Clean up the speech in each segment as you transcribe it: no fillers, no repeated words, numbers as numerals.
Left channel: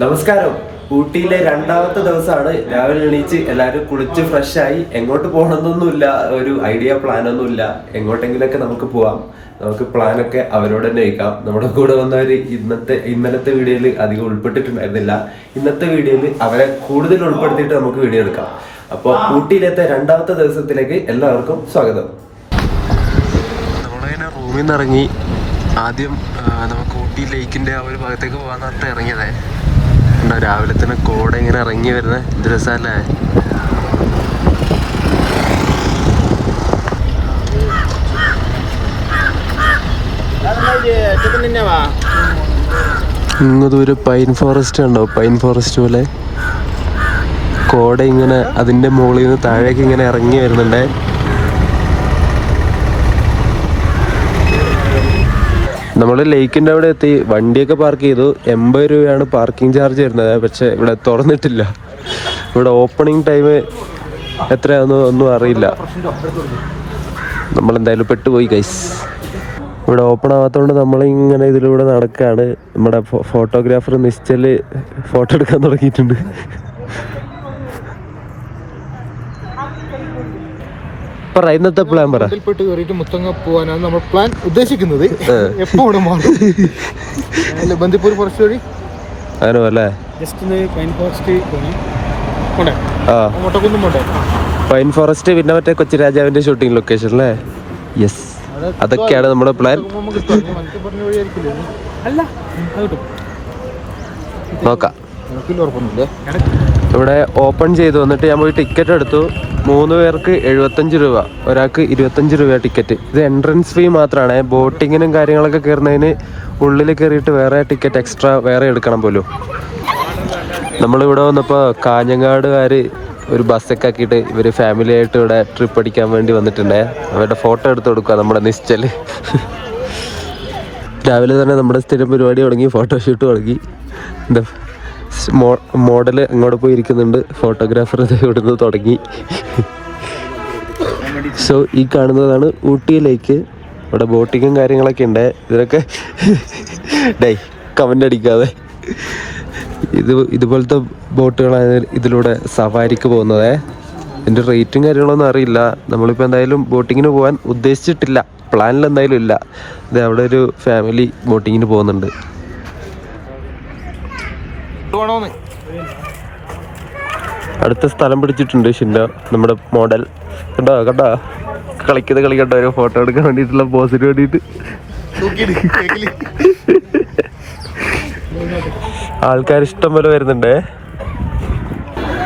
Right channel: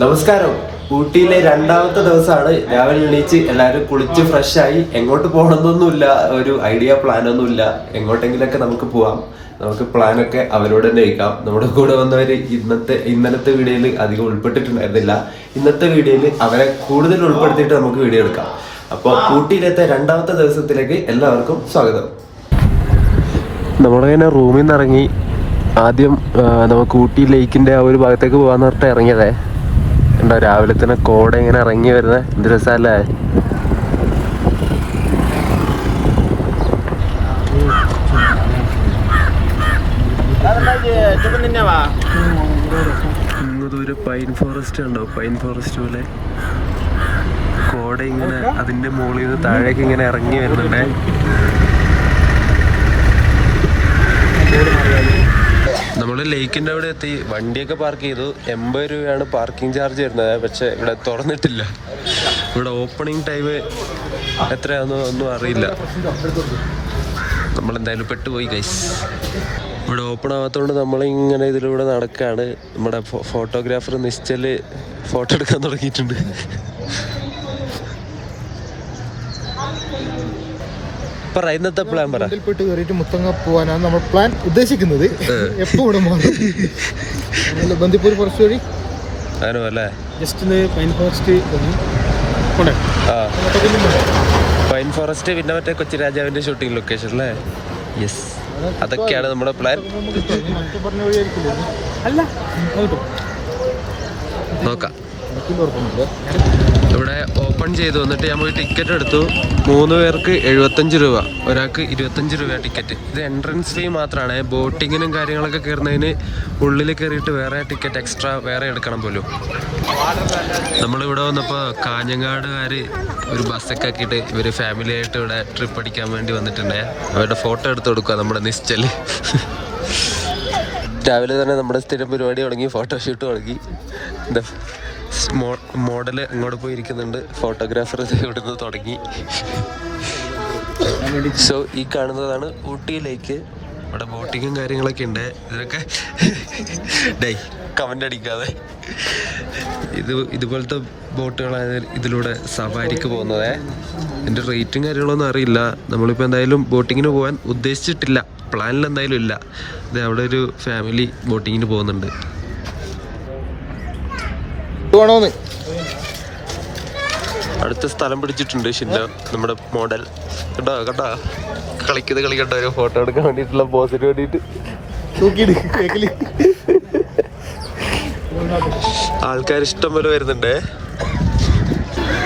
നമസ്കാരം. ഊട്ടിയിലെ രണ്ടാമത്തെ ദിവസമാണ്. രാവിലെ എണീച്ച് എല്ലാവരും കുളിച്ച് ഫ്രഷായി. എങ്ങോട്ട് പോകണമെന്നൊന്നുമില്ല, ഒരു ഐഡിയ പ്ലാനൊന്നുമില്ല. എങ്ങോട്ടെങ്കിലൊക്കെ നമുക്ക് പോവാം. നമുക്ക് പ്ലാനൊക്കെ അവരോട് തന്നെ വയ്ക്കാം. നമ്മുടെ കൂടെ വന്നവർ ഇന്നലത്തെ വീഡിയോയിൽ അധികം ഉൾപ്പെട്ടിട്ടുണ്ടായിരുന്നില്ല. ഇന്നത്തെ വീഡിയോയിൽ അവരെ കൂടുതൽ ഉൾപ്പെടുത്തിയിട്ട് നമുക്ക് വീഡിയോ എടുക്കാം. അപ്പോൾ ഊട്ടിയിലത്തെ രണ്ടാമത്തെ ദിവസത്തിലേക്ക് എല്ലാവർക്കും സ്വാഗതം. നമ്മളിങ്ങനെ റൂമിൽ നിന്ന് ഇറങ്ങി. ആദ്യം നമുക്ക് ഊട്ടി ലേക്കിൻ്റെ ആ ഒരു ഭാഗത്തേക്ക് പോകാമെന്ന് പറഞ്ഞിട്ട് ഇറങ്ങിയതേ. ഉണ്ടോ രാവിലെ തന്നെ കോട ഇങ്ങനെ ഇറങ്ങി വരുന്നത്, എന്ത് രസമല്ലേ. ഇങ്ങ് ദൂരെ പൈൻ ഫോറസ്റ്റ് ഉണ്ടോ, പൈൻ ഫോറസ്റ്റ് പോലെ കോട ഇങ്ങനെ അതിൻ്റെ മുകളിൽ നിന്ന് താഴേക്ക് ഇങ്ങനെ ഇറങ്ങി വരുന്നുണ്ടേ. നമ്മൾ ലേക്കിൻ്റെ അവിടെ എത്തി. വണ്ടിയൊക്കെ പാർക്ക് ചെയ്തു. 80 രൂപയാണ് പാർക്കിംഗ് ചാർജ് വരുന്നത്. പക്ഷേ ഇവിടെ തുറന്നിട്ടില്ല. ഇവിടെ ഓപ്പണിംഗ് ടൈം എത്രയാണെന്ന് ഒന്നും അറിയില്ല. നമ്മളെന്തായാലും പെട്ടുപോയി ഗൈസ്. ഇവിടെ ഓപ്പൺ ആവാത്തതുകൊണ്ട് നമ്മളിങ്ങനെ ഇതിലൂടെ നടക്കുകയാണ്. നമ്മുടെ ഫോട്ടോഗ്രാഫർ നിശ്ചൽ ഫോട്ടോ എടുക്കാൻ തുടങ്ങിയിട്ടുണ്ട്. ഇന്നത്തെ പ്ലാൻ പെട്ട് കയറിയിട്ട് മുത്തങ്ങ പോകാനാണ് നമ്മൾ പ്ലാൻ ഉദ്ദേശിക്കുന്നത്. എപ്പോഴും ബന്ദിപ്പൂർ ഫോറസ്റ്റ് വഴി അങ്ങനെ just pine forest pine forest, പിന്നെ മറ്റേ കൊച്ചി രാജാവിന്റെ ഷൂട്ടിംഗ് ലൊക്കേഷൻ അല്ലേ? യെസ്, അതൊക്കെയാണ് നമ്മുടെ പ്ലാൻ. നോക്കാം. ഇവിടെ ഓപ്പൺ ചെയ്തു. വന്നിട്ട് ഞാൻ പോയി ടിക്കറ്റ് എടുത്തു. 3 പേർക്ക് 75 രൂപ, ഒരാൾക്ക് 25 രൂപ ടിക്കറ്റ്. ഇത് എൻട്രൻസ് ഫീ മാത്രമാണ്. ബോട്ടിങ്ങിനും കാര്യങ്ങളൊക്കെ കയറുന്നതിന് ഉള്ളിൽ കയറിയിട്ട് വേറെ ടിക്കറ്റ് എക്സ്ട്രാ വേറെ എടുക്കണം പോലും. നമ്മളിവിടെ വന്നപ്പോൾ കാഞ്ഞങ്ങാടുകാർ ഒരു ബസ്സൊക്കെ ആക്കിയിട്ട് ഇവർ ഫാമിലി ആയിട്ട് ഇവിടെ ട്രിപ്പ് അടിക്കാൻ വേണ്ടി വന്നിട്ടുണ്ടേ. അവരുടെ ഫോട്ടോ എടുത്ത് കൊടുക്കുക നമ്മുടെ നിശ്ചൽ. രാവിലെ തന്നെ നമ്മുടെ സ്ഥിരം പരിപാടി തുടങ്ങി, ഫോട്ടോഷൂട്ട് തുടങ്ങി. എന്താ മോഡൽ അങ്ങോട്ട് പോയി ഇരിക്കുന്നുണ്ട്, ഫോട്ടോഗ്രാഫർ ഇവിടുന്ന് തുടങ്ങി. സോ ഈ കാണുന്നതാണ് ഊട്ടിയിലേക്ക്. ഇവിടെ ബോട്ടിങ്ങും കാര്യങ്ങളൊക്കെ ഉണ്ട്. ഇതിനൊക്കെ കമൻ്റ് അടിക്കാതെ. ഇതുപോലത്തെ ബോട്ടുകളാണ് ഇതിലൂടെ സഫാരിക്ക് പോകുന്നത്. ഇതിൻ്റെ റേറ്റും കാര്യങ്ങളൊന്നും അറിയില്ല. നമ്മളിപ്പോൾ എന്തായാലും ബോട്ടിങ്ങിന് പോകാൻ ഉദ്ദേശിച്ചിട്ടില്ല, പ്ലാനിൽ എന്തായാലും ഇല്ല. ഇത് അവിടെ ഒരു ഫാമിലി ബോട്ടിങ്ങിന് പോകുന്നുണ്ട്. അടുത്ത സ്ഥലം പിടിച്ചിട്ടുണ്ട് ഷിൻഡോ, നമ്മുടെ മോഡൽ. കണ്ടോ കളിക്കണ്ട ഒരു ഫോട്ടോ എടുക്കാൻ വേണ്ടിയിട്ടുള്ള പോസിന് വേണ്ടിയിട്ട്. ആൾക്കാർ ഇഷ്ടം പോലെ വരുന്നുണ്ട്.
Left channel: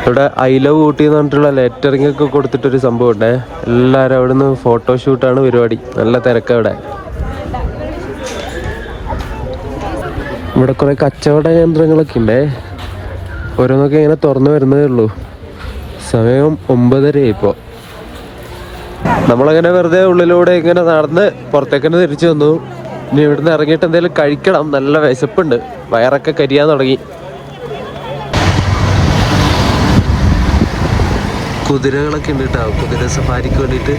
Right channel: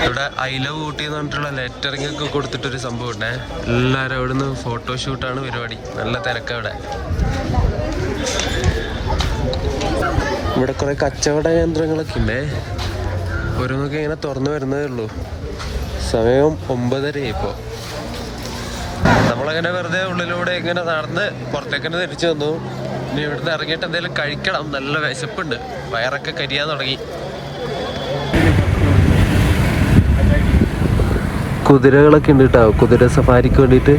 ഇവിടെ ഐ ലവ് ഊട്ടി എന്ന് പറഞ്ഞിട്ടുള്ള ലെറ്ററിംഗ് ഒക്കെ കൊടുത്തിട്ടൊരു സംഭവം ഉണ്ട്. എല്ലാവരും അവിടെ നിന്ന് ഫോട്ടോഷൂട്ടാണ് പരിപാടി. നല്ല തിരക്കാണ് ഇവിടെ. ഇവിടെ കുറെ കച്ചവട കേന്ദ്രങ്ങളൊക്കെ ഉണ്ട്. ഓരോന്നൊക്കെ ഇങ്ങനെ തുറന്നു വരുന്നതേ ഉള്ളൂ. സമയം 9:30 ഇപ്പോൾ. നമ്മളങ്ങനെ വെറുതെ ഉള്ളിലൂടെ ഇങ്ങനെ നടന്ന് പുറത്തേക്ക് തന്നെ തിരിച്ചു വന്നു. ഇനി ഇവിടുന്ന് ഇറങ്ങിയിട്ട് എന്തെങ്കിലും കഴിക്കണം. നല്ല വിശപ്പുണ്ട്, വയറൊക്കെ കരിയാൻ തുടങ്ങി. കുതിരകളൊക്കെ ഉണ്ട് കേട്ടോ, കുതിര സഫാരിക്ക് വേണ്ടിയിട്ട്.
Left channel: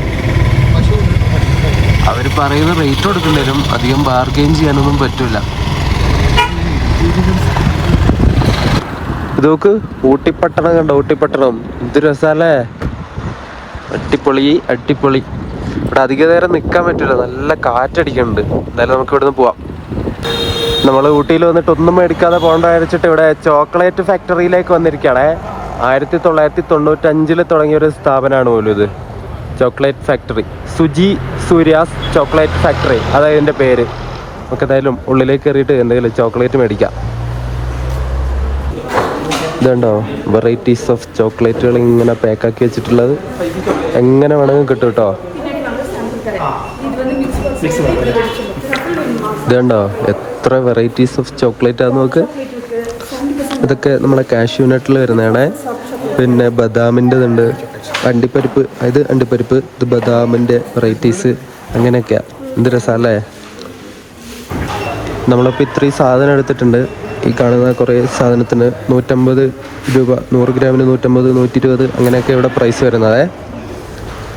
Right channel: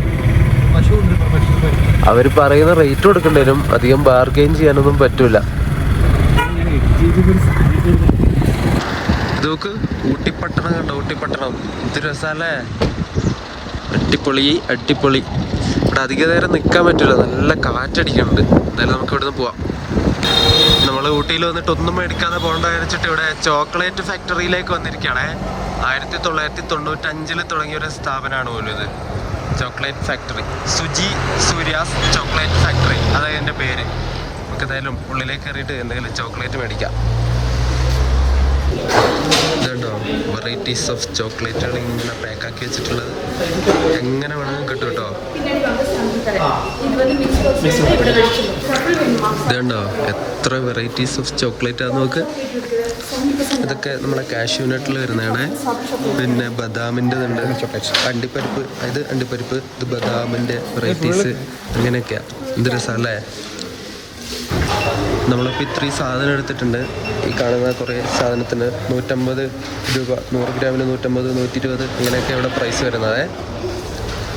അവർ പറയുന്ന റേറ്റ് കൊടുക്കേണ്ടി വരും. അധികം ബാർഗെയിൻ ചെയ്യാനൊന്നും പറ്റൂല. ഇത് നോക്ക്, ഊട്ടിപ്പട്ടണം കണ്ടോ, ഊട്ടിപ്പട്ടണം. ഇത് രസമല്ലേ, അടിപൊളി. ഇവിടെ അധിക നേരം നിൽക്കാൻ പറ്റില്ല, നല്ല കാറ്റടിക്കുന്നുണ്ട്. എന്തായാലും നമുക്ക് ഇവിടുന്ന് പോവാം. നമ്മൾ ഊട്ടിയിൽ വന്നിട്ട് ഒന്നും മേടിക്കാതെ പോകേണ്ട വിചാരിച്ചിട്ട് ഇവിടെ ചോക്ലേറ്റ് ഫാക്ടറിയിലേക്ക് വന്നിരിക്കുകയാണേ. 1995 തുടങ്ങിയ ഒരു സ്ഥാപനമാണ് പോലും ഇത്, chocolate factory. Suji Surya's chocolate factory, അതായത് ഇതിൻ്റെ പേര്. നമുക്ക് എന്തായാലും ഉള്ളിലേക്ക് കയറിയിട്ട് എന്തെങ്കിലും ചോക്ലേറ്റ് മേടിക്കാം. ഇതുണ്ടോ വെറൈറ്റീസ് ഓഫ് ചോക്ലേറ്റുകൾ ഇങ്ങനെ പാക്കാക്കി വെച്ചിട്ടുള്ളത്. എങ്ങനെ വേണമെങ്കിലും കിട്ടും കേട്ടോ. ഇതുണ്ടോ എത്ര വെറൈറ്റീസ് ഓഫ് ചോക്ലേറ്റ് ആണെന്ന് നോക്ക്. ഇതൊക്കെ നമ്മുടെ കാഷ്യൂ നട്ടിൽ വരുന്നതാണ്. പിന്നെ ബദാമിൻ്റെ ഇതുണ്ട്, അണ്ടിപ്പരിപ്പ്. ഇത് അണ്ടിപ്പരിപ്പ്, ഇത് ബദാമിൻ്റെ വെറൈറ്റീസ്. അങ്ങനെയൊക്കെയാണ്. എന്ത് രസമല്ലേ. നമ്മളിപ്പോൾ ഇത്രയും സാധനം എടുത്തിട്ടുണ്ട്. ഈ കാണുന്ന കുറേ സാധനത്തിന് 150 രൂപ, 100 ഗ്രാമിന് 150, 120 അങ്ങനെയൊക്കെ ഇവിടെ പ്രൈസ് വരുന്നത്.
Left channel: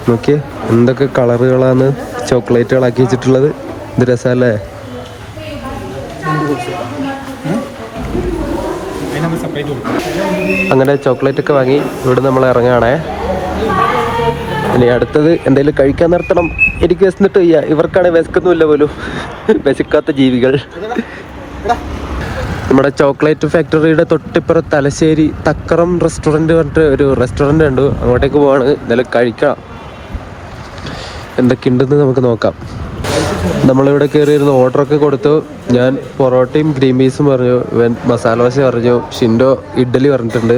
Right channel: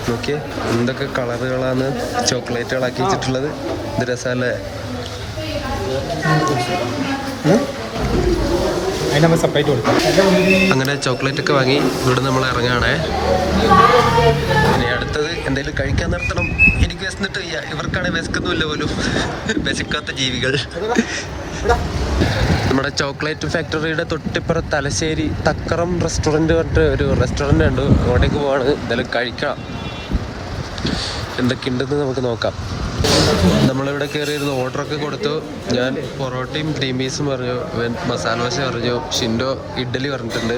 നോക്കിയേ എന്തൊക്കെ കളറുകളാണ് ചോക്ലേറ്റുകളാക്കി വെച്ചിട്ടുള്ളത്. ഇത് രസമല്ലേ. അങ്ങനെ ചോക്ലേറ്റ് ഒക്കെ വാങ്ങി ഇവിടെ നമ്മൾ ഇറങ്ങുകയാണേ. ഇനി അടുത്തത് എന്തെങ്കിലും കഴിക്കാൻ നിർത്തണം. എനിക്ക് വിശന്നിട്ട് വയ്യ, ഇവർക്കാണെങ്കിൽ വിശക്കുന്നുമില്ല പോലും. വിശക്കാത്ത ജീവികൾ. നമ്മുടെ ചോക്ലേറ്റ് ഫാക്ടറിയുടെ തൊട്ടിപ്പുറം തലശ്ശേരി തക്കറം റെസ്റ്റോറൻറ്റ് പറഞ്ഞിട്ട് ഒരു റെസ്റ്റോറൻറ്റ് ഉണ്ട്. അങ്ങോട്ടേക്ക് പോവാണ്. എന്തെങ്കിലും കഴിക്കാം. എന്തൊക്കെയുണ്ടെന്ന് നമുക്ക് നോക്കാം. നമ്മളിവിടെ കയറിയിരുന്ന് ഓർഡറൊക്കെ കൊടുത്തു. ഞാൻ പൊറോട്ടയും ഗ്രീൻ പീസും പറഞ്ഞു, ഇവൻ മസാല ദോശ പറഞ്ഞു, ഷിൻഡോ ഇഡ്ഡലി പറഞ്ഞിട്ടുണ്ട്.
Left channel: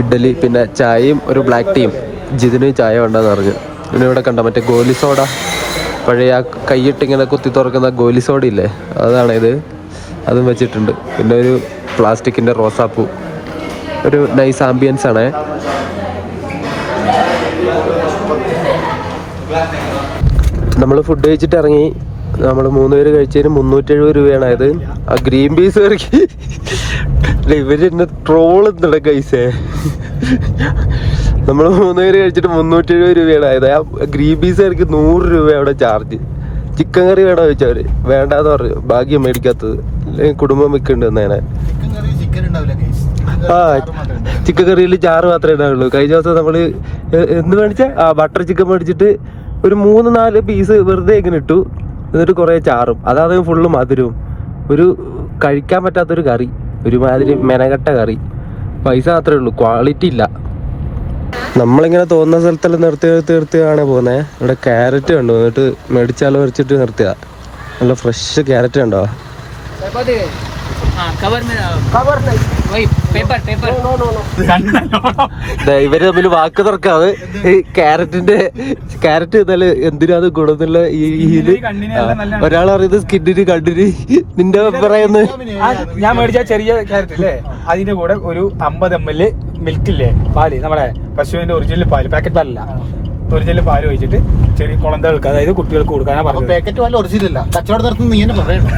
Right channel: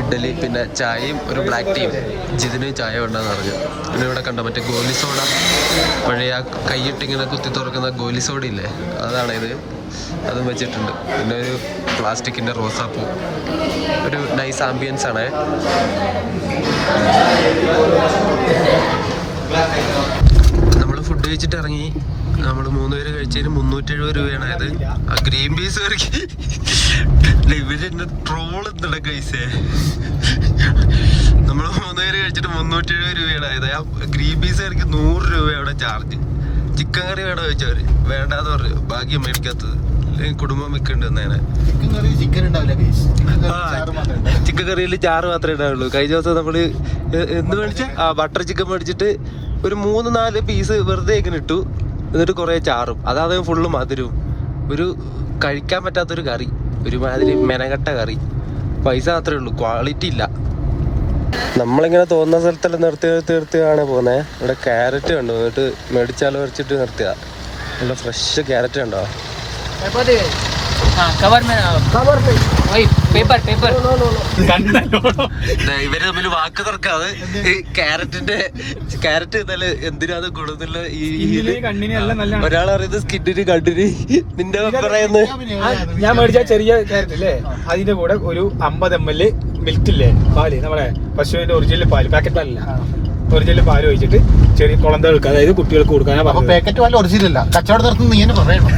ഇഡ്ഡലി പിന്നെ ചായയും ഒരു ബ്ലാക്ക് ടീയും. ജിതിന് ചായ വേണ്ടെന്ന് പറഞ്ഞു. പിന്നെ ഇവിടെ കണ്ട മറ്റേ ഗോലി സോഡ, പഴയ ആ കൈയിട്ട് ഇങ്ങനെ കുത്തി തുറക്കുന്ന ഗോലി സോഡ ഇല്ലേ, അതാണ് ഇത്. അതും വെച്ചിട്ടുണ്ട്. പിന്നെ ഒരു പ്ലാസ്റ്റിക്കിൻ്റെ റോസാപ്പൂ. ഒരു നൈസ് ആംബിയൻസ് ആണ്. നമ്മൾ ഫുഡ് കഴിച്ചിട്ട് ഇറങ്ങി. നമ്മൾ 3 പേര് കഴിച്ചതിന് 370 രൂപയാണ് ആയത്. ആ ഗ്രീൻ പീസ് കറിക്ക് ഇവര് എന്നെ ട്രോളുന്നുണ്ട് കൈസേ. നമ്മൾ 3 പേര് കഴിച്ചിട്ട് 370 രൂപയാണ് ആയത്. ആ ഗ്രീൻ പീസ് കറിക്ക് 100 രൂപ അവിടെ ചാർജ്. ചിക്കൻ കറി വേണോ ചോദിച്ചവര്, വേണ്ടാന്ന് പറഞ്ഞു. ഭാഗ്യം മേടിക്കാത്തത്, അല്ലെങ്കിൽ കുടുംബം വെക്കുന്നുണ്ട് എന്നേനെ. ആ ചിക്കൻ കറിയിൽ ചാറ് മാത്രമേ ഉണ്ടാവുള്ളൂ. കഴിഞ്ഞ ദിവസം നമ്മള് എന്ത് മേടിച്ച ബട്ടർ ചിക്കൻ മേടിച്ചിട്ട് ഒരു 3-4 പീസ് വെറുതെ ഇങ്ങനെ ഇട്ടു. എന്നിട്ട് കുറേ ചാറും, അതായത് ഫുള്ള് മധുരവും. ഒരു കഴിക്കാൻ പറ്റാത്തൊരു കറി, ഒരുമാതിരി മെനകെട്ട കറി. പൈസ മാത്രമേ ഉള്ളൂ, ക്വാളിറ്റി ഇല്ല. നമ്മളിങ്ങനെ തോന്നുന്ന സ്ഥലത്തെല്ലാം നിർത്തിയാണ് പോകുന്നത്. ഇവിടെ ക്യാരറ്റ് കണ്ടു, എന്നിട്ട് മേടിച്ചാലോ വെച്ചിട്ട് നിർത്തിയ നല്ല ഫ്രഷ് ക്യാരറ്റ് കണ്ടോ. ഇവര് തമ്മിൽ വാക്ക് തർക്കാതെ ഈ ക്യാരറ്റ് എന്നാല് എന്തിനാണ് ഗുണമെന്നുള്ള ഒരാൾ അറിയുന്നത് സ്കിന്നിന് കണ്ണിന്. നിന്റെ പറയുന്നത് ഞാൻ മേടിച്ച ചെറിയ ക്യാരറ്റ് അല്ലേ, അതിന്റെ കൂടെ ഒരു 50 ml മിൽക്കില്ലേ, പാല്, നമ്മുടെ പശുവിന്റെ ഒറിജിനൽ പാല്, പാക്കറ്റ് പാലല്ല, ഒറിജിനൽ പാല് ഒഴിച്ചിട്ട് ചെറിയ കുളന്ത വെക്കുക, അതായത് കുട്ടികൾക്ക് കൊടുക്കാനാ പറഞ്ഞത്. പാക്കറ്റ് പാല് ഒറിജിനൽ കച്ചവടം നടത്തുന്ന ഇങ്ങനെ പറയണം.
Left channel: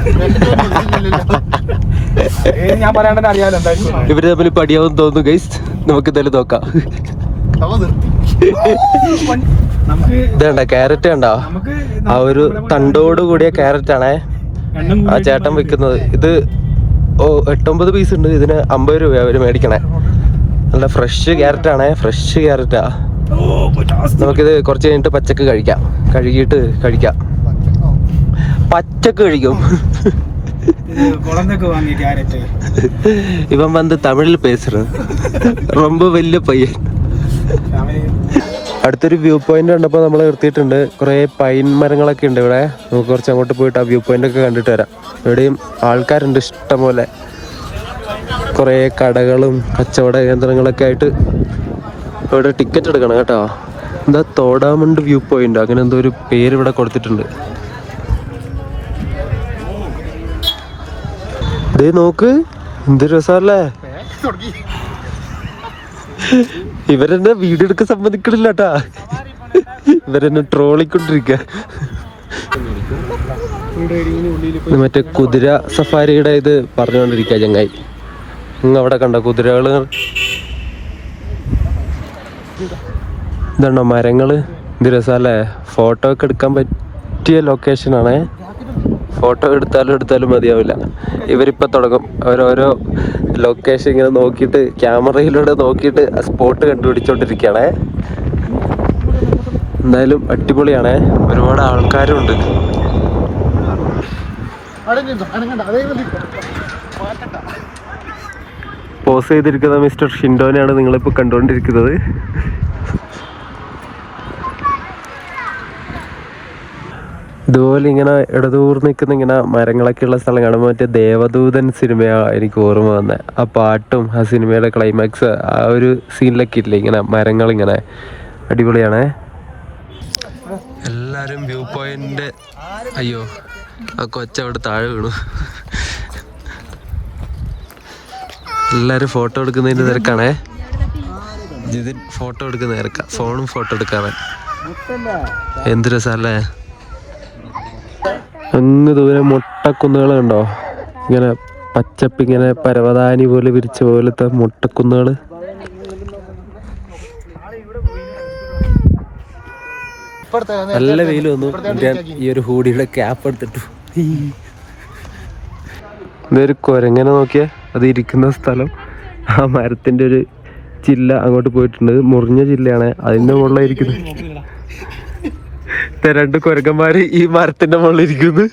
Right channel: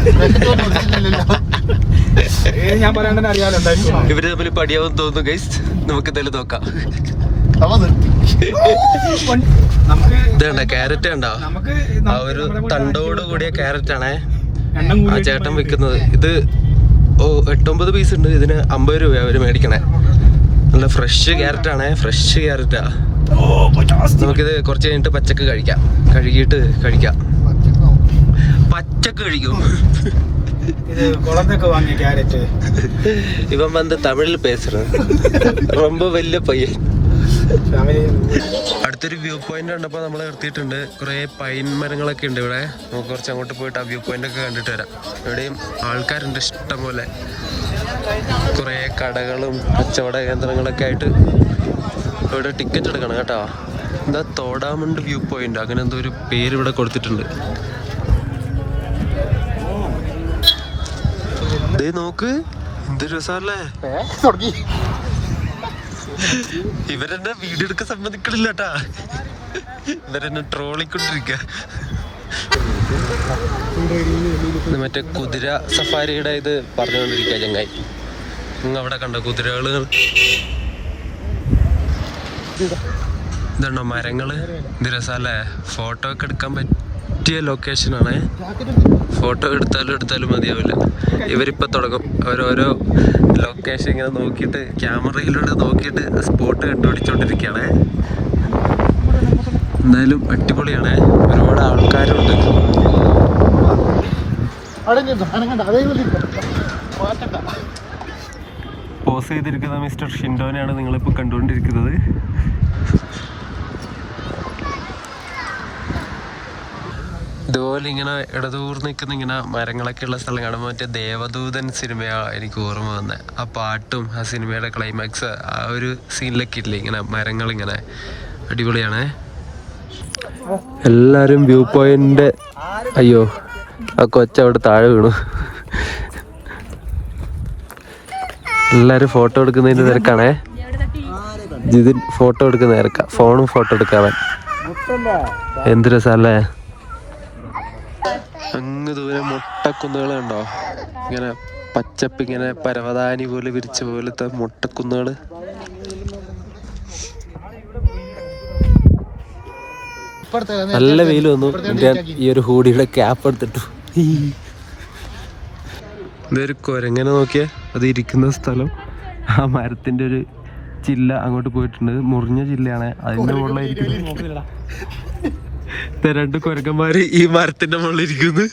ഞാൻ പറയാണ്ടെന്ന് അറിയാമല്ലോ എന്തായാലും. ഇവര് തമ്മിൽ പടിയാവും തോന്നുന്നു ഗൈസ്. നമുക്ക് എന്തായാലും നോക്കാം. ഇതേണ്ട ക്യാരറ്റ് കണ്ടോ, ആ ഒരു തണ്ടോട് കൂടിയ ക്യാരറ്റ് ആണേ ആ ചേട്ടൻ വെക്കുന്നത്. ഇത് 8-9 പീസ് ഉണ്ട്. ഇതിന് 50 രൂപ അവര് മേടിക്കണേ. നല്ല ഫ്രഷ് ക്യാരറ്റ് ആണേ, ഫ്രഷ് ക്യാരറ്റാ. നമുക്കിത് കുറച്ച് കഴിഞ്ഞിട്ട് പച്ചക്ക് കഴിക്കാം. കഴുകിയിട്ട് കഴിക്കാം. പച്ചക്ക് കഴിക്കും. ഇവൻ വന്ന് തമിഴിൽ പേசுறது ரொம்ப വലിയ പയ്യൻ. അടുത്തൊരു വ്യൂ പോയിന്റ് കണ്ടപ്പോൾ നമ്മൾ നിർത്തിയിട്ടുണ്ട്. കുറേ പൈൻ മരങ്ങളൊക്കെ ഉണ്ട് ഇവിടെ. നമുക്ക് കുറച്ച് അങ്ങോട്ട് പോയിട്ട് ആ വ്യൂ പോയിന്റ് ഒക്കെ കണ്ടിട്ട് വരാം. ഇവിടെയും ആൾക്കാരുണ്ട് ഇഷ്ടം പോലെ. കുറേ കടകളും കച്ചവട കേന്ദ്രങ്ങളൊക്കെ ആയിട്ട് ഇവിടെ ടിക്കറ്റ് എടുക്കണം കേട്ടോ. എന്താ തോടാമണ്ട് വ്യൂ പോയിന്റ്, അങ്ങനെ എന്തോ ഒരു പേര് ഇവിടെ കൊടുത്തിട്ടുണ്ട്. ദേ നോക്ക്, എന്ത് രസമല്ലേ. ഇവരെന്നെ വീഡിയോ എടുക്കാൻ സമ്മതിക്കണില്ല കേട്ടാ. ഇവരെന്നെ ട്രോളിക്കൊണ്ടിരിക്ക. മറ്റേ കുതിര സഫാരിയുടെ ഇത് പറഞ്ഞുകൊണ്ടിരിക്കുക ചങ്ങായി. അവിടെ കണ്ട കുതിരകള്. ഇതുണ്ടോ മരങ്ങള്, ഇത് രസമല്ലേ. ഫോട്ടോ ഒക്കെ എടുക്കാൻ പറ്റിയ ലൊക്കേഷനാണേ. ഫോട്ടോ എടുത്താലും മതിയാവില്ല. ഇവരിപ്പോൾ തുടങ്ങും ഓരോരോ ലൊക്കേഷൻ ഇങ്ങനെ നോക്കിയിട്ട്, ക്യാമറയിലൂടെ നോക്കിയിട്ട് സ്പോട്ട് കണ്ടുപിടിച്ചോണ്ടിരിക്കുകയാണേ. എന്തായാലും അടിപൊളിയാണേ. ഒരുപാട് ആൾക്കാരുണ്ട്. പോസ് ചെയ്തിരിക്കുന്ന മിസ്റ്റർ ഷിൻഡോനെയാണ് നിങ്ങളിപ്പോൾ കണ്ടുകൊണ്ടിരിക്കുന്നത്. ഇതുപോലെ ഇങ്ങനെ ഇടതൂർന്ന് നിൽക്കുന്ന ഇങ്ങനെ മരങ്ങളൊക്കെ ഉള്ള സ്ഥലം കാണുമ്പോൾ മറ്റേ ദേവദൂതൻ സിനിമയാണ് എനിക്ക് ഓർമ്മ വന്നത്. ആ പാട്ടും ആ സിനിമയുടെ ക്ലൈമാക്സ് ആ ഒരു സീനിലൊക്കെ ഇല്ലേ, ഇങ്ങനെ മരങ്ങളിങ്ങനെ അടിപൊളിയാണേ. എല്ലാവരും വ്യൂ പോയിന്റ്. അയ്യോ ആ കൊച്ചവിടെ താഴെ വീണു. എല്ലാവരും ഫോട്ടോ എടുക്കുന്നതിൻ്റെ തിരക്കാണേ. ഇതിൽ ഫോട്ടോ എടുക്കുന്ന തിരക്കാം. ഫോണും ഫോട്ടോ എടുക്കാൻ. എന്ത് രസമല്ലേ. അങ്ങ് ദൂരെ മുട്ടക്കുന്നുകൾ കണ്ടോ, ഇങ്ങനെ പച്ചപ്പ്, ഇങ്ങനെ പരവതാനി പോലെ വിരിച്ച പോലത്തെ മുട്ടക്കുന്നുകൾ. നല്ല വെയിൽ വന്നു. ഞാൻ ഈ ഒരു ഹൂഡിയുടെ ക്യാപ്പ് എടുത്തിട്ടു. ഇതൊരു കുരങ്ങനെ നോക്കിയാൽ അത് ഇരിക്കുന്ന സ്ഥലം ആ മരത്തിൻ്റെ ഒരു ചില്ല അങ്ങോട്ട് പോയിട്ടുണ്ട്. മുറിഞ്ഞ ചില്ലയാണ്, അതിൻ്റെ മുകളിലായിരിക്കുന്നത്. രണ്ട് കുരങ്ങന്മാര് ഈ മരത്തിന്റെ മുകളിൽ ഇരിക്കുന്നു.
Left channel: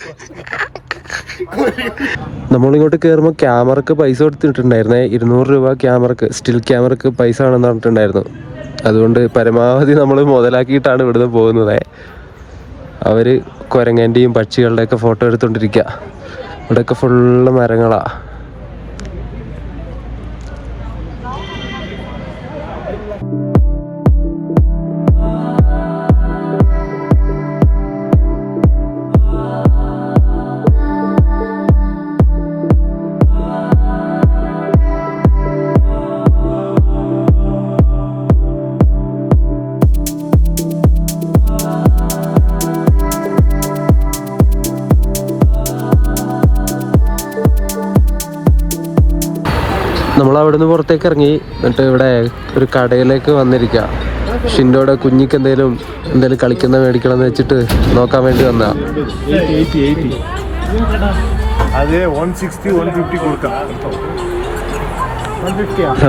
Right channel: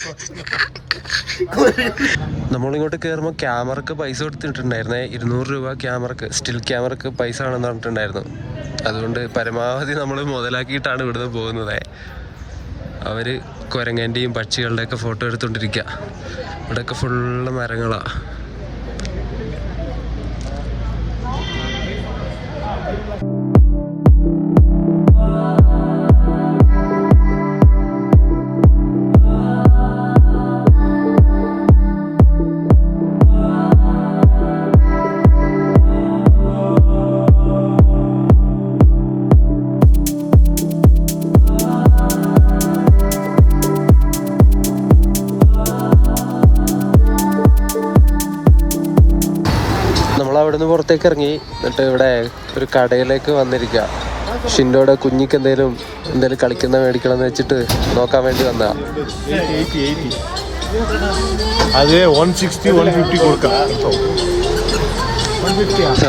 നമ്മളിങ്ങോട്ട് കയറുമ്പോൾ ക്യാമറക്ക് പൈസ കൊടുത്തിട്ടുണ്ടായിരുന്നേ, 200 രൂപ ക്യാമറക്ക്, സ്റ്റിൽ ക്യാമറക്ക് പൈസ ആണെന്ന് പറഞ്ഞിട്ടുണ്ടായിരുന്നു. അതുകൊണ്ട് പരമാവധി നമ്മൾ മുതലാക്കിയിട്ടാണ് ഇവിടുന്ന് പോകുന്നത്. അവര് കുരങ്ങൻ്റെയും പക്ഷികളുടെയൊക്കെ ഫോട്ടോ എടുത്തോണ്ടിരിക്കുക. ഇവിടെയൊക്കെ ഫുള്ള് മരങ്ങളാ. അവിടുന്ന് പുറത്തേക്ക് ഇറങ്ങി, എന്നിട്ട് ഇവിടെ ഒരു കടയിലേക്ക് വന്നിരിക്കുക. ഷിൻഡോയുടെ കുഞ്ഞിക്ക് എന്തേലും കളിക്കുന്ന മേടിക്കണം എന്ന് വെച്ചിട്ട് നോക്കാൻ വേണ്ടി വന്നാ.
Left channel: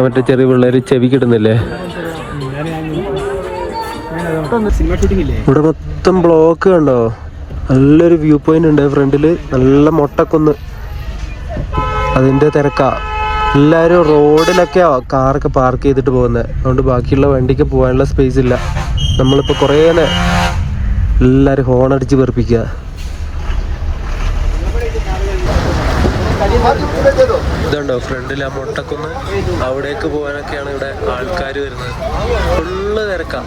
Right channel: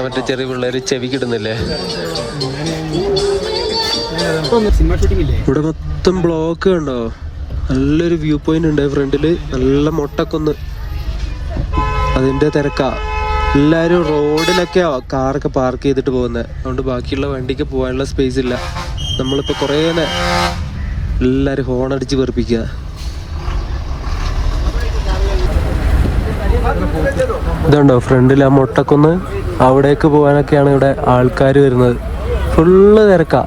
മറ്റേ ചെറിയ പിള്ളേര് ചെവി കിട്ടുന്നില്ലേ? ഇവിടെ മൊത്തം ബ്ലോക്ക് കണ്ടോ? നല്ലൊരു വ്യൂ പോയിന്റ് ഉണ്ട് ഫ്രണ്ടില്, നല്ല മൊട്ടക്കൊന്ന്, അതിന്റെ തിരക്കാ. എല്ലാവരും റോഡിലൊക്കെയാ കാറൊക്കെ പാർക്ക് ചെയ്തിട്ട് പോകുന്നത്. അതുകൊണ്ട് ബാക്കിയുള്ള വണ്ടിക്ക് പോകാനുള്ള സ്പേസ് ഇല്ല. നമ്മളിപ്പോൾ കുറേ എല്ലാവരും ഹോൺ അടിച്ച് വെറുപ്പിക്കുക. ഇതുണ്ടോ ഫ്രണ്ടിൽ ആ മുട്ടക്കൊന്ന്, അവിടേക്ക് പോകാനൊക്കെയാണ് ഇവിടെ ആൾക്കാർ വരുന്നത്. ഫുള്ള് തിരക്കാ.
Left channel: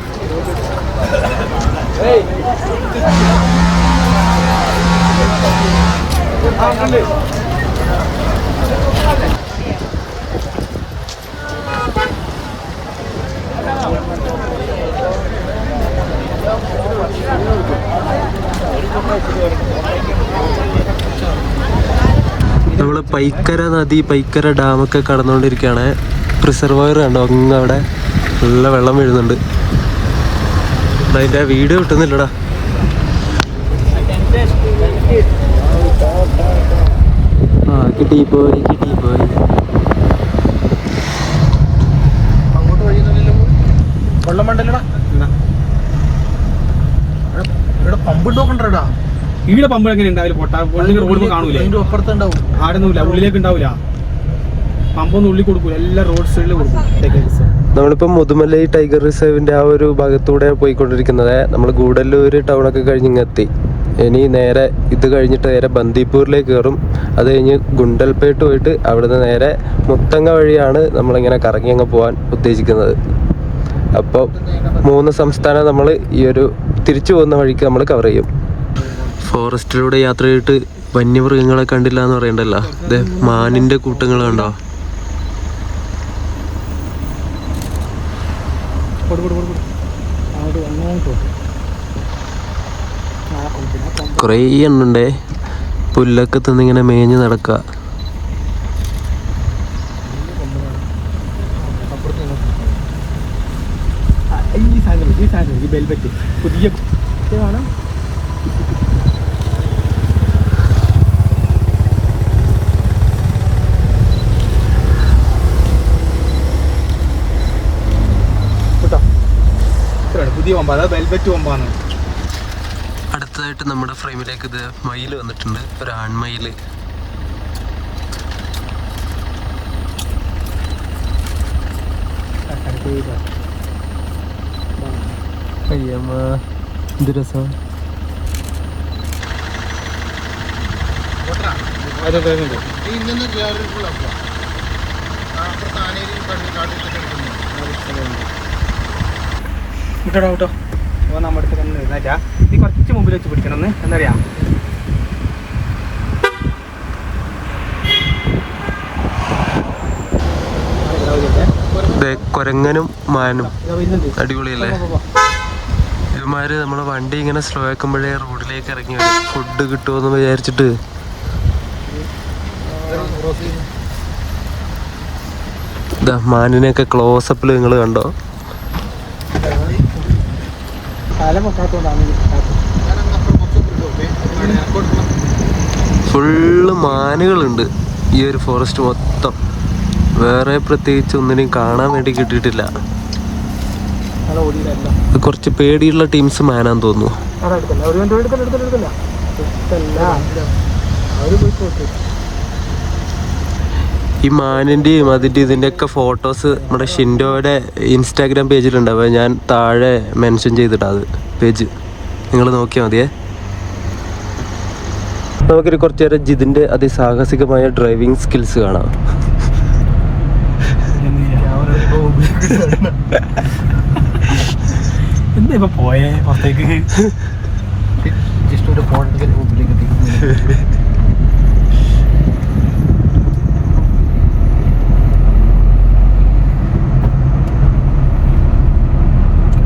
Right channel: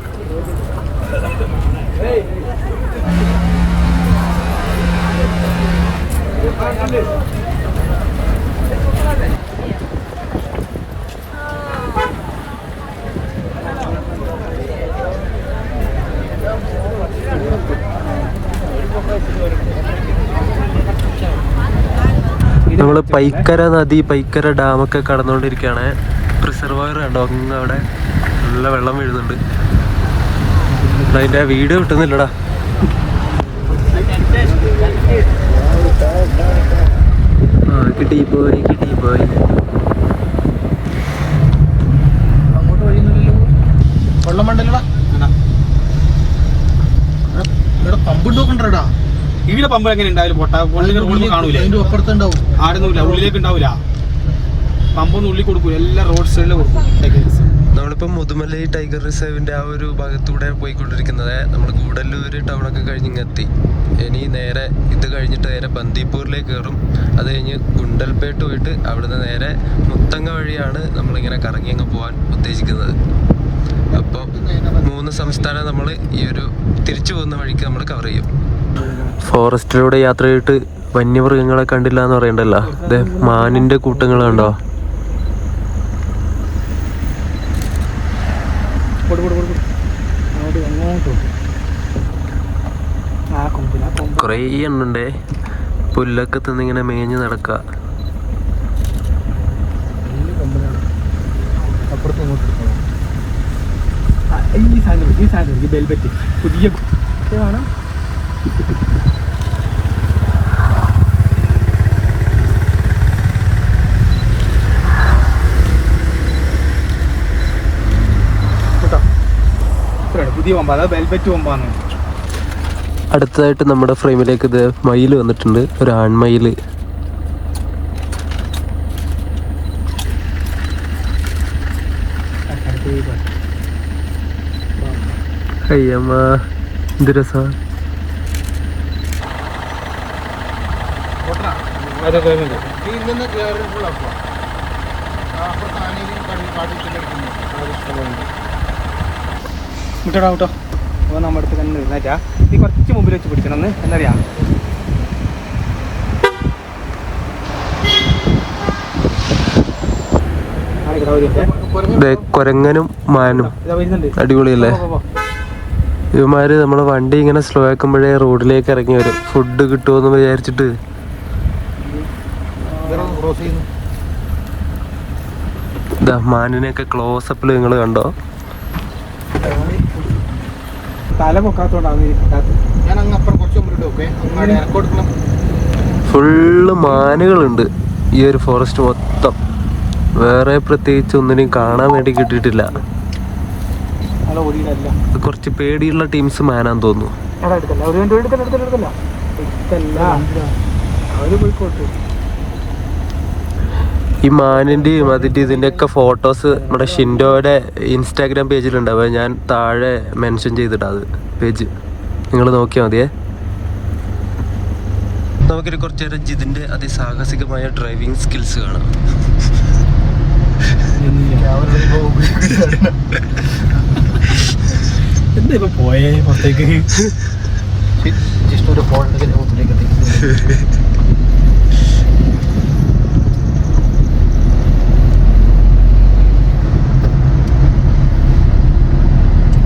നമ്മൾ പൈക്കര നദി, പൈക്കര ഡാമൊക്കെ കടന്നുകൊണ്ടിരിക്കുകയാണ്. റിസർവയർ കണ്ടോ അങ്ങ് അവിടെ നല്ല വെള്ളം വീഴുന്നുണ്ട്. അതിൻ്റെ വീഡിയോ കിട്ടുന്നില്ലടാ. കിട്ടി പോയി. വെള്ളം വേണ്ടല്ലടാ, ഇവിടെ പമ്പ് ഉണ്ടോക്കണ്ടാ. ഇവിടെ പമ്പ് എങ്ങനെ ഉണ്ടാവില്ല? റോഡ് കാണൂല, അപ്പുറത്തുണ്ടാവും. ആടൊന്നുമില്ല, ഉള്ളിലേക്ക് ഉണ്ടാവില്ല. പമ്പൊന്നും ഉള്ളിൽ കൊടുക്കൂല, എല്ലാം റോഡ് സൈഡിൽ കൊടുക്കും. നമ്മളിപ്പോൾ മുതുമലൈ ടൈഗർ റിസർവിന്റെ ആ ഒരു ഭാഗത്തൂടെ പോയിക്കൊണ്ടിരിക്കുന്നത്. നമ്മൾ ഗൂഡല്ലൂർ ടൗണൊക്കെ കഴിഞ്ഞിങ്ങെത്തി. ഇനി നേരെ ഇത് കഴിഞ്ഞിട്ട് നേരെ ബന്ദിപ്പൂരിലേക്ക് കയറും. അത് കഴിഞ്ഞ് ഗുണ്ടൽപേട്ട് പോയിട്ട് അവിടുന്ന് നേരെ മുത്തങ്ങ വഴിയാണ് നമ്മളിങ്ങനെ കറങ്ങി അങ്ങ് പോകാൻ ഉദ്ദേശിക്കുന്നത്. അപ്പോൾ 3 സംസ്ഥാനം നമ്മൾ ഈ ഒരു തിരിച്ചു പോകുന്ന വഴിക്ക് നമ്മൾ കവർ ചെയ്യും. ഫോറസ്റ്റിലൂടെ യാത്ര ചെയ്തിട്ട് വന്യമൃഗങ്ങളെ കണ്ടില്ല എന്ന് പറയണ്ടല്ലോ. അതെ, മാനിന്റെ കൂട്ടങ്ങൾ കണ്ടോ? കുറേ എണ്ണുണ്ടേ, പുല്ലൊക്കെ തിന്നിങ്ങനെ മേഞ്ഞ് നടക്കുക. പുതിയ അടുത്തതായിട്ട് നമ്മുടെ ഫ്രെയിമിലേക്ക് ഇത് മയിൽ വന്നിട്ടുണ്ട്, ഒരു ആൺമയിൽ. അയ്യമ്മ എന്ത് രസം. വിട്ടോ വിട്ടോ, നമ്മുടെ അടുത്ത് തന്നെ നിന്നാച്ചാ നീ കുറച്ച് മുമ്പിൽ വെച്ച് പിടിക്കണം. എന്നറിയാ കൊരങ്ങനും മാനും അടിപൊളിയല്ലേ? ഇവന്മാര് നമ്മളെ വണ്ടി ഇങ്ങനെ സ്ലോ ആക്കുമ്പോഴേ റോഡിലേക്ക് ഇറങ്ങി വരും, ഫുഡ് കിട്ടുമെന്ന് വിചാരിച്ചിട്ട്. ഇതാ മാനിനെയൊക്കെ ക്ലോസപ്പിൽ നിങ്ങൾ കണ്ടോ? ഫുള്ള് മാനുകളുണ്ട് ഈ ഒരു ഫോറസ്റ്റ് മൊത്തം. വേറെ പ്രത്യേകിച്ച് ഒന്നിനും കാണാൻ വേണ്ടി കിട്ടിയിട്ടില്ല. കുറച്ച് പേടിയുള്ള ടീംസ് മാനാന്ന് തോന്നുന്നു. ഈ മാനിൻ്റെയും അതിൻ്റെ ഇതിൻ്റെയൊക്കെ ഫോട്ടോസ് നമ്മുടെ ഷിൻഡോയുടെ ഇൻസ്റ്റാഗ്രാം പേജിലുണ്ടാവുക. ഞാൻ താഴെ മെൻഷൻ ചെയ്തിട്ടാ അത് പേജ്, നിങ്ങൾ നോക്കിയാൽ മതിയേ. നമുക്കൊരു കുറച്ച് നേരം ജിതിൻ്റെ അതിസാഹസികമായ ഡ്രൈവിംഗ് സ്കിൽസ് കാണാം. എന്താ ഇപ്പൊ പോയേ പുറത്തേക്ക്? ഒരു ഫോൺ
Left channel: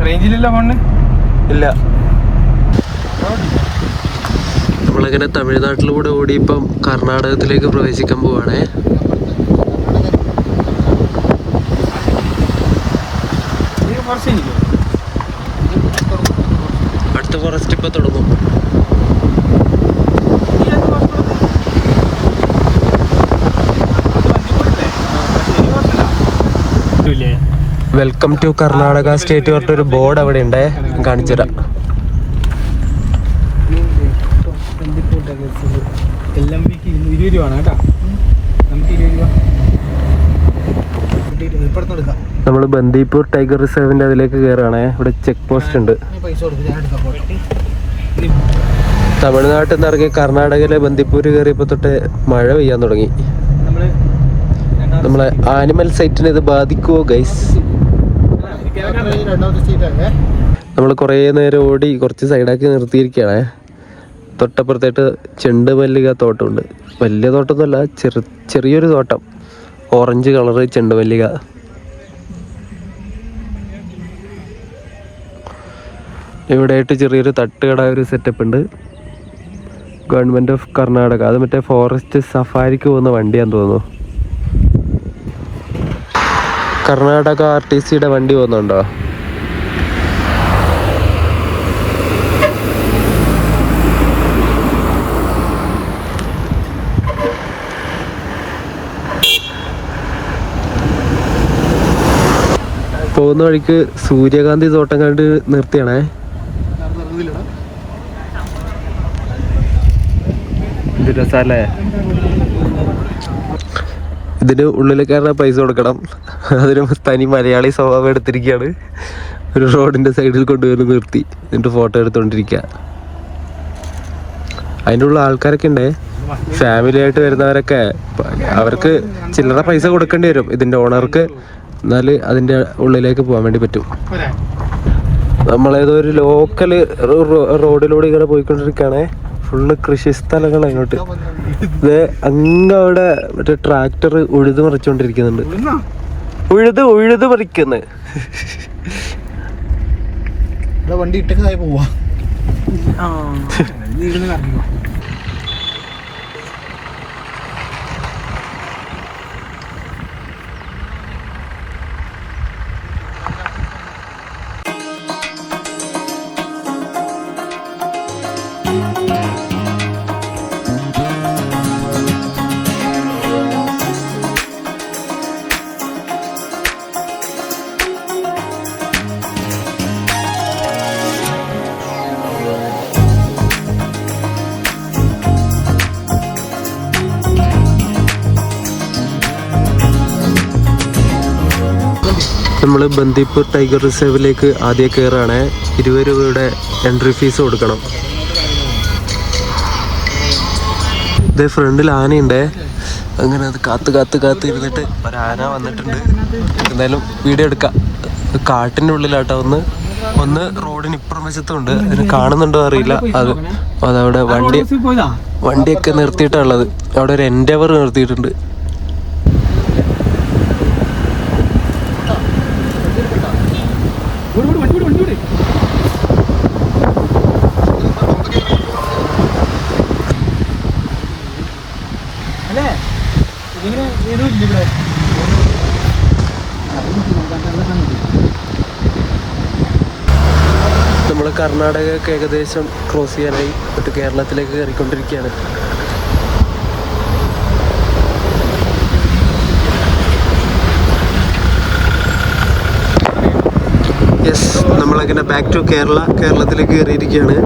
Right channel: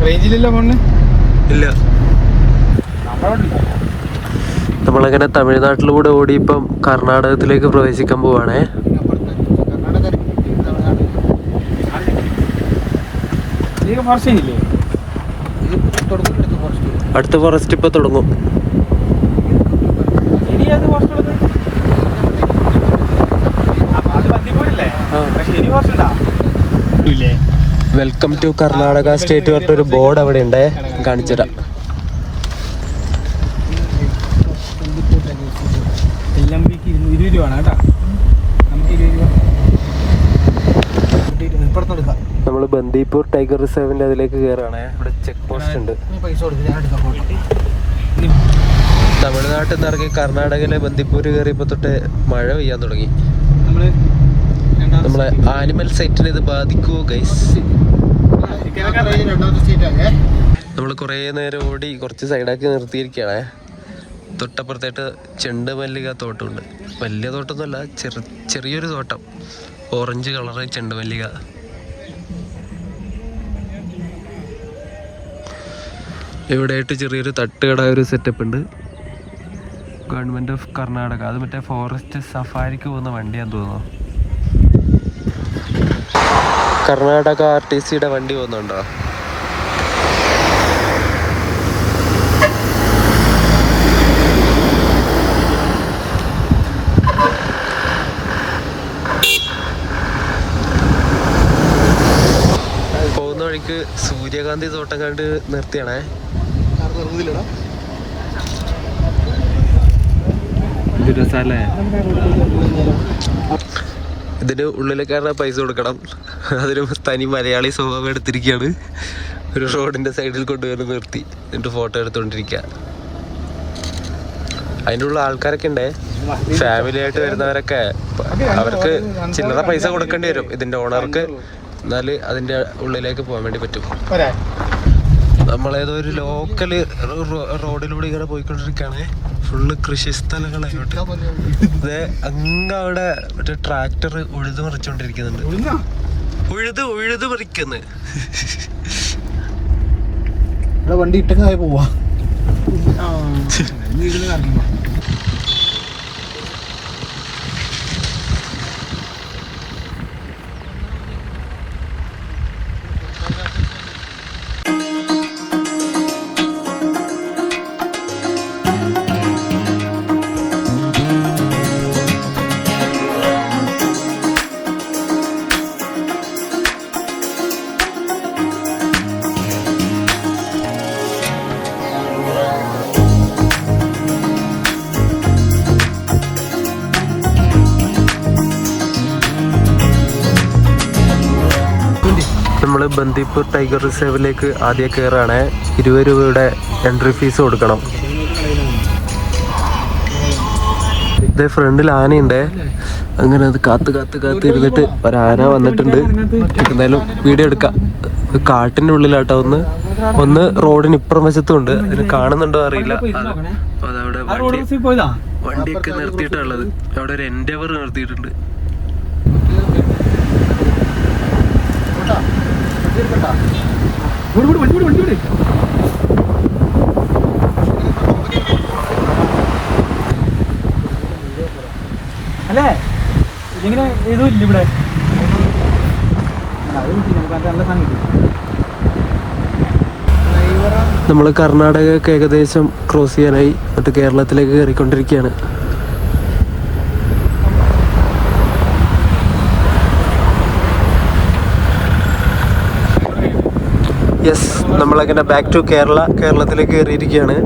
റേഞ്ചിലല്ല ഫോണ് ഇല്ല. നമ്മളങ്ങനെ തമിഴ്നാട്ടിലൂടെ ഓടി ഇപ്പം കർണാടകത്തിലേക്ക് പ്രവേശിക്കാൻ പോവാണേ. അടുത്ത ഫോറസ്റ്റ് ഇപ്പൊ തുടങ്ങും. വെൽക്കം ടു കർണാടക സ്റ്റേറ്റ് പറഞ്ഞൊരു ബോർഡ് അവിടെ ഉണ്ട്, കാണിച്ചുതരാം. നമ്മൾ ബന്ദിപ്പൂർ ടൈഗർ റിസർവിന്റെ അതിലേക്ക് കയറാണേ. ഇവിടെ ചെക്ക് പോസ്റ്റ് ഉണ്ട്. തമിഴ്നാട്ടിൽ നിന്ന് ഇറങ്ങി കർണാടകയിലെ ബന്ദിപ്പൂര് കയറിയപ്പോ തൊട്ട് മഴ പെയ്യാൻ തുടങ്ങി. നമ്മളെ ആനിമൽ സൈറ്റിനെ ഇത് ബാധിക്കുവോ ഗൈസ്? നമ്മൾ കുറേ നേരം ഓടി കുറച്ച് സൈഡാക്കി നിർത്തിയിരിക്കുകയാണേ. തൊട്ടപ്പുറത്തായിട്ട് ചെണ്ടുമല്ലിക തോട്ടമുണ്ട്. വലിയ തോട്ടമൊന്നുമല്ല, ചെറിയൊരു തോട്ടം. ഓറഞ്ച് കളറ് ചെണ്ടുമല്ലിക. ഇവിടെയായിട്ട് ചെറിയൊരു തട്ടുകട ഒരു സെറ്റപ്പ് ഉണ്ട്. Government of Karnataka. അത് മറ്റേ ഫോറസ്റ്റ് സഫാരിക്ക് പോകുന്ന വണ്ടിയാന്ന് തോന്നുന്നു. കർണാടക RTCയുടെ വണ്ടി പോകുന്നുണ്ടോ? പോകുന്ന വഴിക്ക് സൂര്യകാന്തി തോട്ടം കണ്ട് നിർത്തിയാണേ. ഇത് രസല്ലേ? ഇതിന് ഉള്ളിലേക്കാണ് പൈസ കൊടുക്കണം. അതിന് തനി മലയാളി സ്വഭാവം എടുത്തിരിക്കുകയാണ്. ഒരു റോഡിന്റെ സൈഡിൽ കൊണ്ടുവന്ന് നിർത്തി എന്നിട്ട് ഫോട്ടോ എടുത്തോണ്ടിരിക്കുക. അതിൻ്റെ ഉള്ള ആൾക്കാരൊക്കെ ഉണ്ട്, ഫാമിലി ആയിട്ട് വരുന്നവരൊക്കെ. അവർക്ക് ചില്ലറ പൈസ കൊടുക്കേണ്ടി വരും ഇതിന്റെ ഓണർക്ക്, എന്നാല് അതിന്റെ ഉള്ളിലേക്ക് പോകാൻ വേണ്ടി പറ്റും. നമ്മളേതോ ഒരു ലോക്കൽ റോഡിലൂടെ ഇങ്ങനെ പോയിക്കൊണ്ടിരിക്കുകയാണേ. ഫുള്ള് കൃഷി സ്ഥലങ്ങൾ അങ്ങോട്ട്. ഇത് അങ്ങവിടെ മറ്റേ ട്രാക്ടർ ഉഴുത് മറിച്ചോണ്ടിരിക്കുന്നുണ്ട്. ഉഴുത് മറിക്കുന്നു. വണ്ടി ഇട്ടങ്ങായി പോവാ. നമ്മൾ ബന്ദിപ്പൂർ ടൈഗർ റിസർവിലേക്ക് ആദ്യം കയറാണ്. 20 രൂപയുടെ എൻട്രി ഫീസ് കൊടുക്കണം. ഇതേ ഫ്രണ്ടിൽ ആനയുണ്ടേ. അങ്ങനെ അത് കാത്ത് ഇരുന്നിട്ട് ഒരാന വന്നിട്ടുണ്ട്. എന്തായാലും വീഡിയോ എടുക്കാം. കാട്ടിൻ്റെ ഉള്ളിലാട്ടോ. ഒന്ന് റോഡിന് ഇപ്പുറം വശത്തും ഉണ്ട്. അതിന് കാണുന്നുണ്ടോ അറിയില്ല. അതവിടെ വണ്ടിയൊക്കെ നിർത്തിയിട്ടുള്ളത്. അവിടെ ഒരു എൻഡവർ നിർത്തിയിട്ടുണ്ട്. നമ്മൾ കർണാടകയൊക്കെ ഏകദേശം ക്രോസ് ചെയ്യാനായി. അത് കേരളത്തിലേക്ക് കയറിക്കൊണ്ടിരിക്കുകയാണ്. നമ്മളങ്ങനെ ബാക്ക് ടു കേരളത്തിലേക്ക് കയറിയിരിക്കുകയാണ്.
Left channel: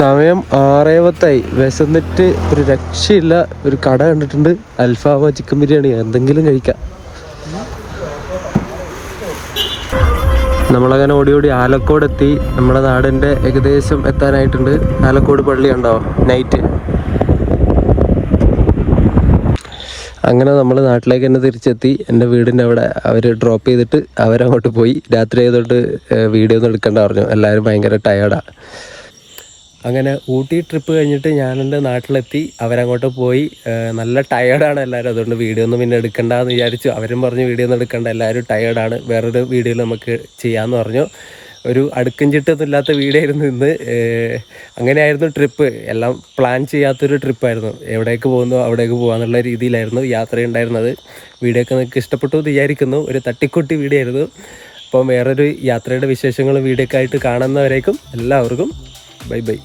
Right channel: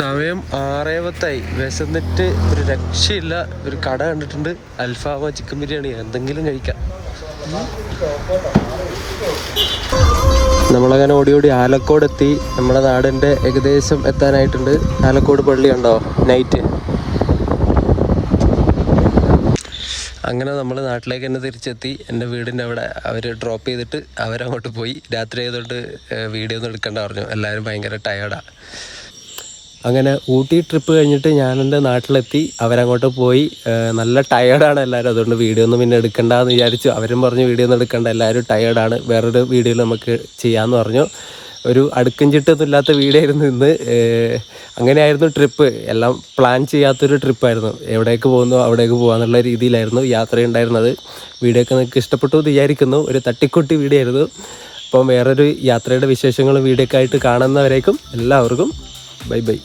സമയം 6:10 വിശന്നിട്ട് ഒരു രക്ഷയില്ല. ഒരു കട കണ്ടിട്ടുണ്ട്, അൽഫാമ ചിക്കൻ ബിരിയാണി എന്തെങ്കിലും കഴിക്കാം. നമ്മളങ്ങനെ ഓടി ആലക്കോട് എത്തി. നമ്മുടെ നാടിൻ്റെ ഏകദേശം എത്താനായിട്ടുണ്ട്. ആലക്കോട് പള്ളി കണ്ടോ നൈറ്റ്. അങ്ങനെ നമ്മൾ നാട്ടിലേക്ക് തന്നെ തിരിച്ചെത്തി. എൻ്റെ വീടിൻ്റെ അവിടെ അവർ ഡ്രോപ്പ് ചെയ്തിട്ട് അവരങ്ങോട്ട് പോയി. രാത്രി ആയതുകൊണ്ട് വീഡിയോ ഒന്നും എടുക്കേണ്ട പറഞ്ഞു. എല്ലാവരും ഭയങ്കര ടയേർഡാണ്. അങ്ങനെ ഊട്ടി ട്രിപ്പ് കഴിഞ്ഞിട്ട് ഞാൻ എൻ്റെ നാട്ടിലെത്തി. അവരങ്ങോട്ട് പോയി. നല്ല ടയേർഡാണ് എല്ലാവരും. അതുകൊണ്ട് വീഡിയോ ഒന്നും പിന്നെ എടുക്കണ്ടെന്ന് വിചാരിച്ചു. അവരും പറഞ്ഞു വീഡിയോ ഒന്നും എടുക്കണ്ട, എല്ലാവരും ടയേർഡാണ്, വേറൊരു വീഡിയോയിൽ നമുക്ക് ചെയ്യാമെന്ന് പറഞ്ഞു. ഒരു അടുക്കും ചിട്ടൊന്നും ഇല്ലാത്ത വീഡിയോ ആയിരുന്നു ഇന്ന്. അങ്ങനെയായിരുന്നു ട്രിപ്പ്. എല്ലാം പ്ലാൻ ചെയ്യാത്തൊരു ട്രിപ്പായിരുന്നു. എവിടേക്ക് പോകുന്നു അവിടേക്ക് പോകാന്നുള്ള രീതിയിലായിരുന്നു യാത്രയുണ്ടായിരുന്നത്. വീഡിയോ ഒക്കെ നിങ്ങൾക്ക് ഇഷ്ടപ്പെട്ടു എന്ന് വിചാരിക്കുന്നു. ഒരു തട്ടിക്കുട്ടി വീഡിയോ ആയിരുന്നു. അപ്പം വേറൊരു യാത്രയുടെ വിശേഷങ്ങളും വീഡിയോ ഒക്കെ ആയിട്ട് കാണുന്നവരേക്കും എല്ലാവർക്കും ബൈ ബൈ.